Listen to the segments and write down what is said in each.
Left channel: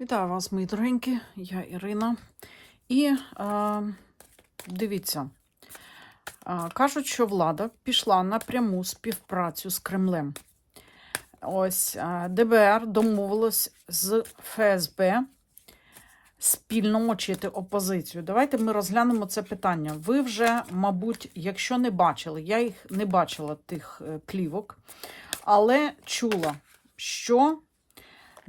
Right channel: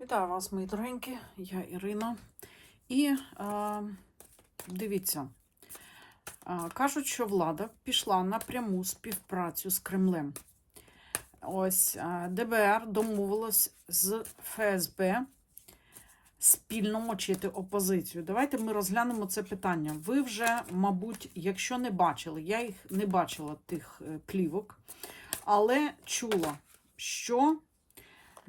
Вітаю вас, мої дорогенькі, я Ірина. І е, дивіться, е, кажуть, що влада пішла на пряму співпрацю з Кремлем. Ось е, ДБР домовилось з ФСБ спільно мочити опозицію. Давайте ми розглянемо це питання. Ви вже, мабуть, якщо не бачили, я їх не бачила тих е, плівок, але чула, що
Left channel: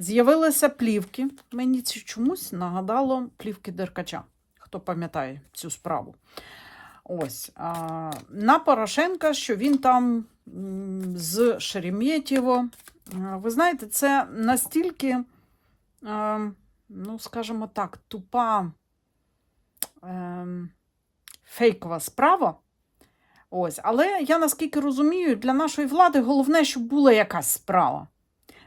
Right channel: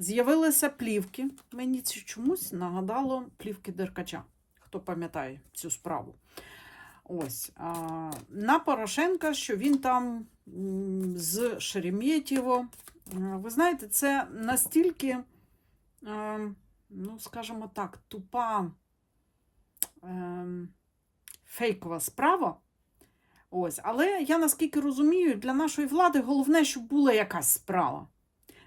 З'явилися плівки. Мені це чомусь нагадало плівки Деркача, хто пам'ятає цю справу. Ось. На Порошенка, що він там з Шереметьєво. Ви знаєте, це настільки, ну, скажімо так, тупа ем, фейкова справа. Ось. Але я наскільки розумію, для нашої влади головне, щоб була якась справа.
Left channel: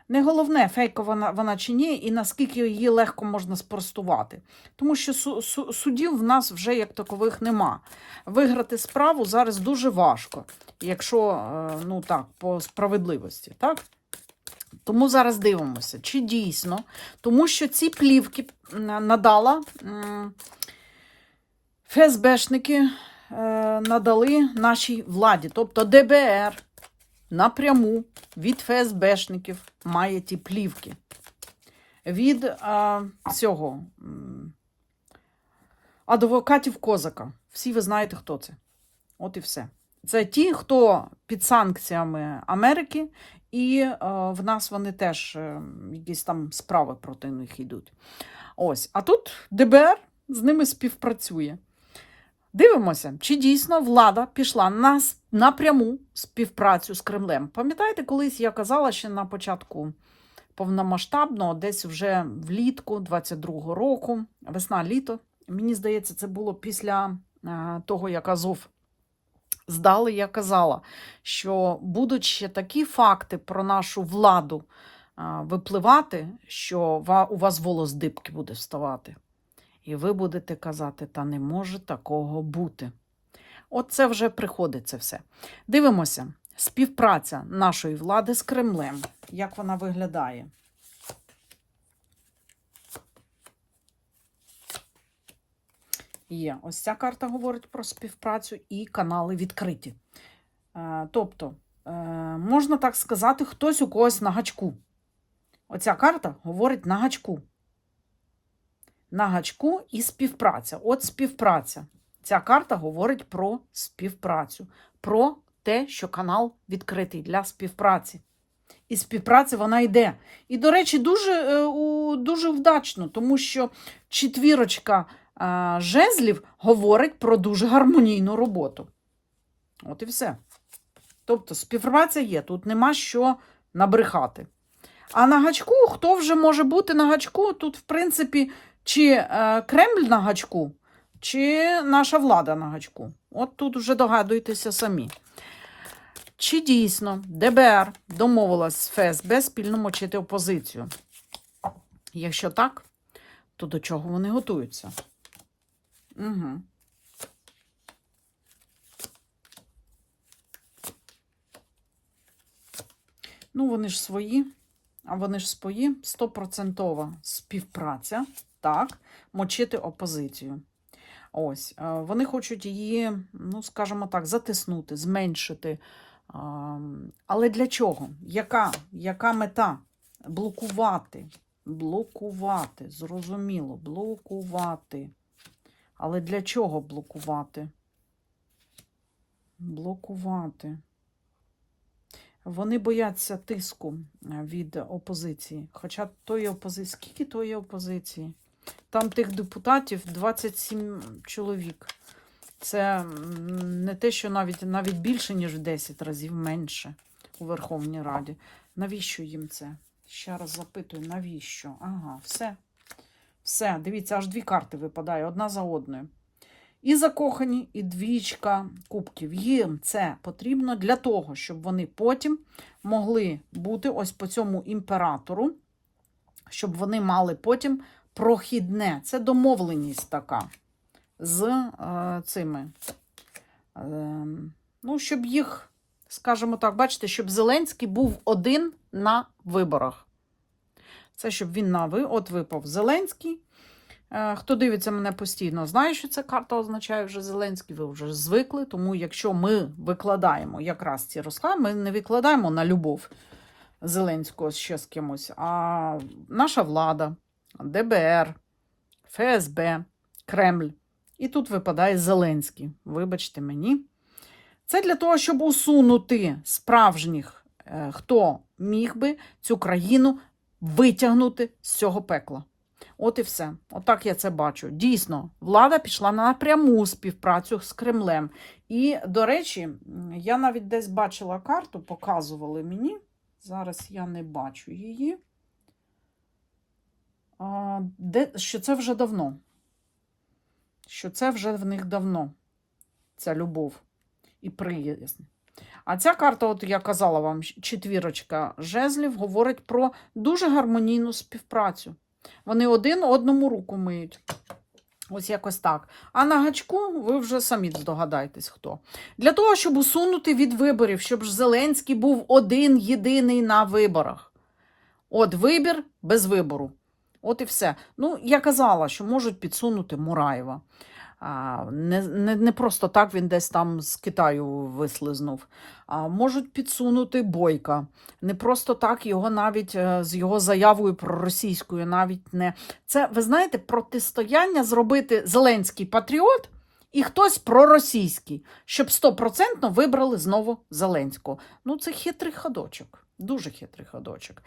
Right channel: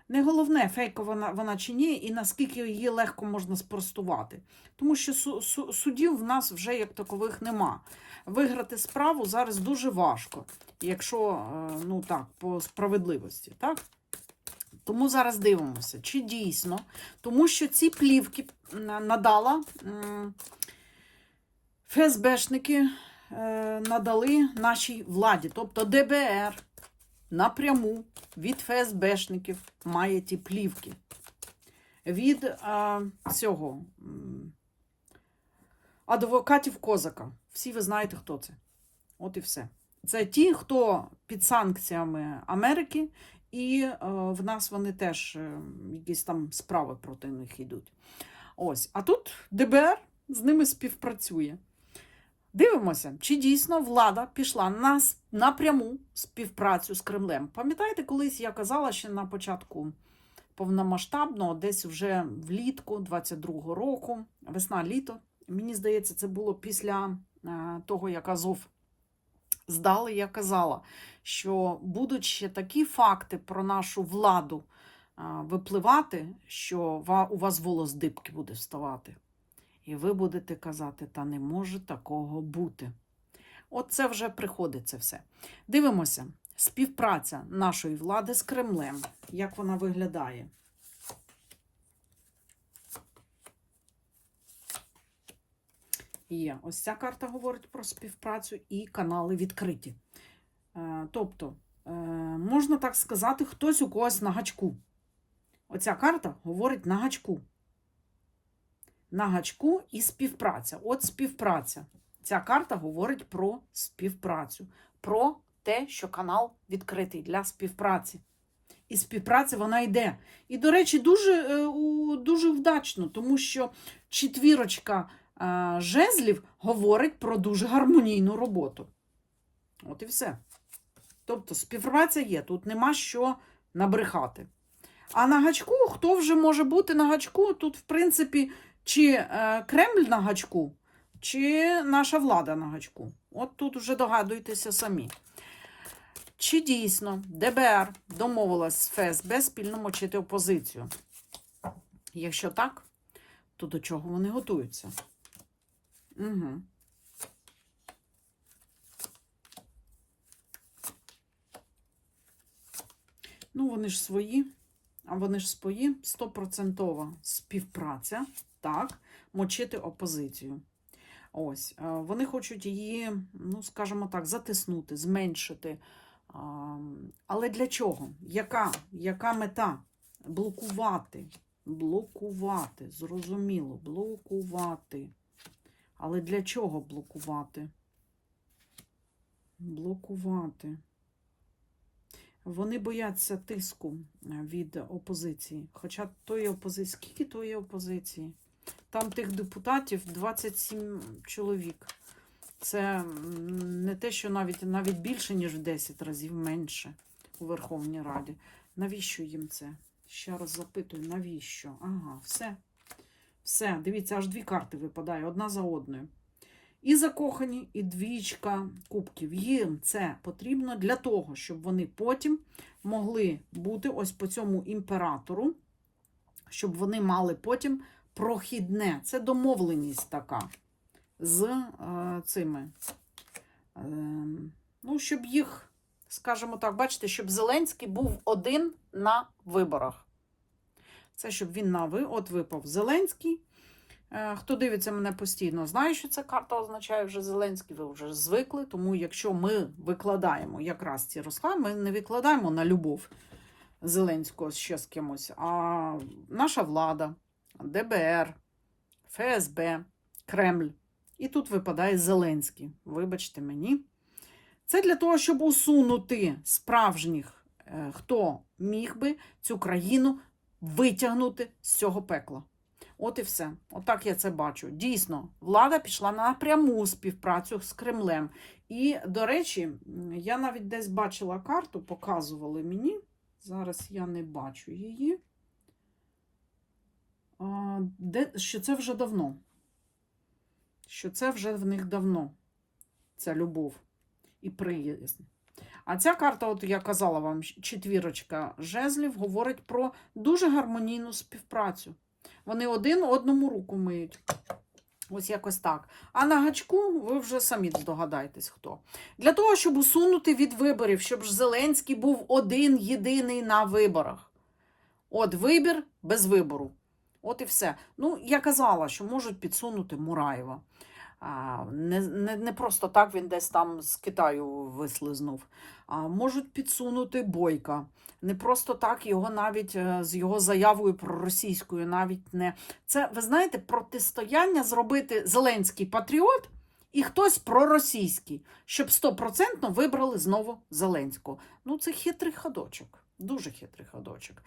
Не головне, фейкова вона, вона чи ні, і наскільки її легко можна спростувати. Тому що су, су, судів в нас вже як такових нема. Виграти справу зараз дуже важко, якщо е, ну так, по справедливості. Так? Тому зараз дивимося, чи дійсно, тому що ці плівки надала ФСБшники е, надали нашій владі, тобто ДБР напряму від ФСБшників має ті плівки. Від а, цього адвокатів Козака. Всі ви знаєте, хто це. От і все. Це ті, хто під санкціями Америки, і е, в нас вони теж е, якісь там справи проти них йдуть. Ось. А тут ДБР з ними співпрацює. Дивимося, чи дійсно влада пішла на с- напряму співпрацю з Кремлем. Пам'ятаєте, колись я казала ще на початку повномасштабного, десь вже влітку 22-го року, весна-літо. Мені здається, це було після е, того, як Азов здали, я казала, що будуть ще такі факти про нашу владу е, випливати, що у вас волос дибки буде вставати. І ви будете казати, та не може такого бути. От це вже приходить це все. Дивимося, співпраця нашої влади з Кремлем. Як вона виглядає? Є. Ось ця карта говорить про співпрацю і канали відкриті. Е, Тобто, е, можна так сказати, хтось у когось на гачку. Оця карта говорить на гачку на гачку і співпраця. От співпраця. Ця карта говорить про співпрацю, про те, що канал відкритий для співпраці. І співпраця вона йде. І, до речі, дуже, е, дуже вдачно, тому що четвірочка е, жезлів говорить про дуже гармонійну роботу. От і все. Тобто співпраця є, тут нема що набрехати. А на гачку, хто вже може бути на гачку? Тут, в принципі, чи е, Кремль на гачку, чи наша влада на гачку. От тут вже догадуєтеся самі. Чи дійсно ДБР домовилась з ФСБ спільно мочити опозицію? Якщо так, то до чого вони готуються? Угу. Ну, вони ж свої, а вони ж свої, стопроцентова співпраця, так, мочити опозицію. Ось, е, вони хочуть її, ну, скажімо так, затиснути, зменшити. Але для чого? Яка, Яка мета? Блокувати. Блокувати. Зрозуміло, блокувати. Але для чого блокувати? Блокувати. Вони бояться тиску е, від опозиції. Хоча тої опозиції, скільки тої опозиції? Там тих депутатів 27 чоловік. Це не те, що навіть, навіть більше, ніж в 10 разів менше у Верховній Раді. Навіщо їм це? Ще раз запитую, навіщо? Ага, все. Все, дивіться, аж дві карти випадає одна за одною. І закохані, і двічка кубків. Їм це потрібно для того, щоб вони потім могли бути ось по цьому імператору, щоб вони мали потім прохідне. Це домовленість така з е, цими. Е, ну, щоб їх, скажімо так, бачите, щоб Зеленський був один на виборах. Це щоб він на ви. От випав Зеленський. Е, Хто дивиться мене постійно, знає, що ця карта означає вже Зеленський, ви вже звикли. Тому якщо ми викладаємо якраз ці розклади, ми не викладаємо на любов Зеленського ще з кимось, а наша влада, ДБР, ФСБ, Кремль. І тут випадає Зеленський. Вибачте мені. Це для того, щоб усунути справжніх, е, хто міг би цю країну витягнути з цього пекла. От і все. Отак я це бачу. Дійсно, влада пішла на пряму співпрацю з Кремлем. І, до речі, я навіть десь бачила карту, показували мені. Зараз я не бачу її. Де, що це вже давно. Що це вже в них давно. Ця любов і приязнь. А ця карта, от я казала вам, четвірочка жезлів, говорить про дуже гармонійну співпрацю. Вони один одному руку миють. Ось якось так. А на гачку ви вже самі здогадаєтесь, хто. Для того, щоб усунути від виборів, щоб Зеленський був один єдиний на виборах. От вибір без вибору. От і все. Ну, я казала, що можуть підсунути Мураєва. Не, не, не просто так він десь там з Китаю вислизнув. А, можуть підсунути Бойка. Не просто так його навіть е, з його заявою проросійською навіть не. Це, ви знаєте, протистояння зробити Зеленський патріот і хтось проросійський, щоб стопроцентно вибрали знову Зеленського. Ну, це хитрий ходочок, дуже хитрий ходочок.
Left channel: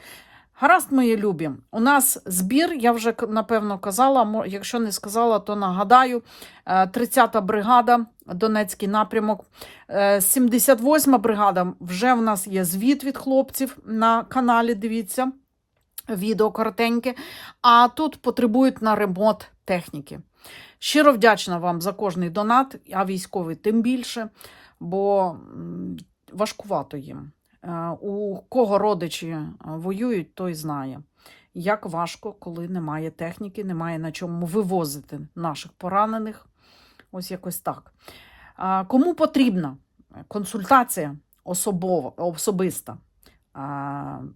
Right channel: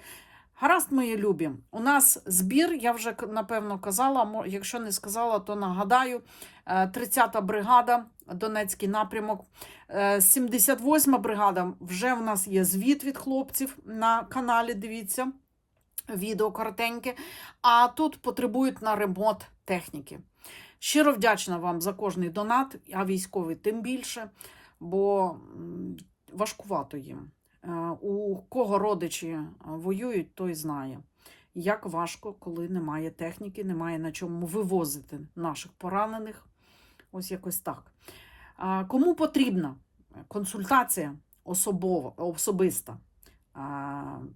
Гаразд, мої любі, у нас збір, я вже напевно казала, якщо не сказала, то нагадаю. Е, 30-та бригада, Донецький напрямок, Е, 78-ма бригада, вже в нас є звіт від хлопців на каналі, дивіться, відео коротеньке. А тут потребують на ремонт техніки. Щиро вдячна вам за кожний донат, а військовий тим більше, бо важкувато їм. Е, У кого родичі е, воюють, той знає, як важко, коли немає техніки, немає на чому вивозити наших поранених. Ось якось так. Кому потрібна консультація особова, особиста?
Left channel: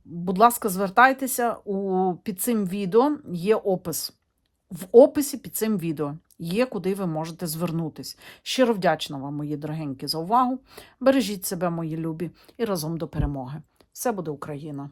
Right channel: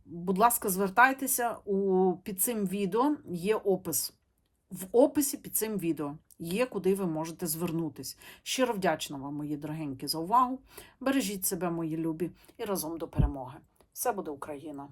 Будь ласка, звертайтеся у, під цим відео є опис. В описі під цим відео є, куди ви можете звернутись. Щиро вдячна вам, мої дорогенькі, за увагу. Бережіть себе, мої любі, і разом до перемоги. Все буде Україна!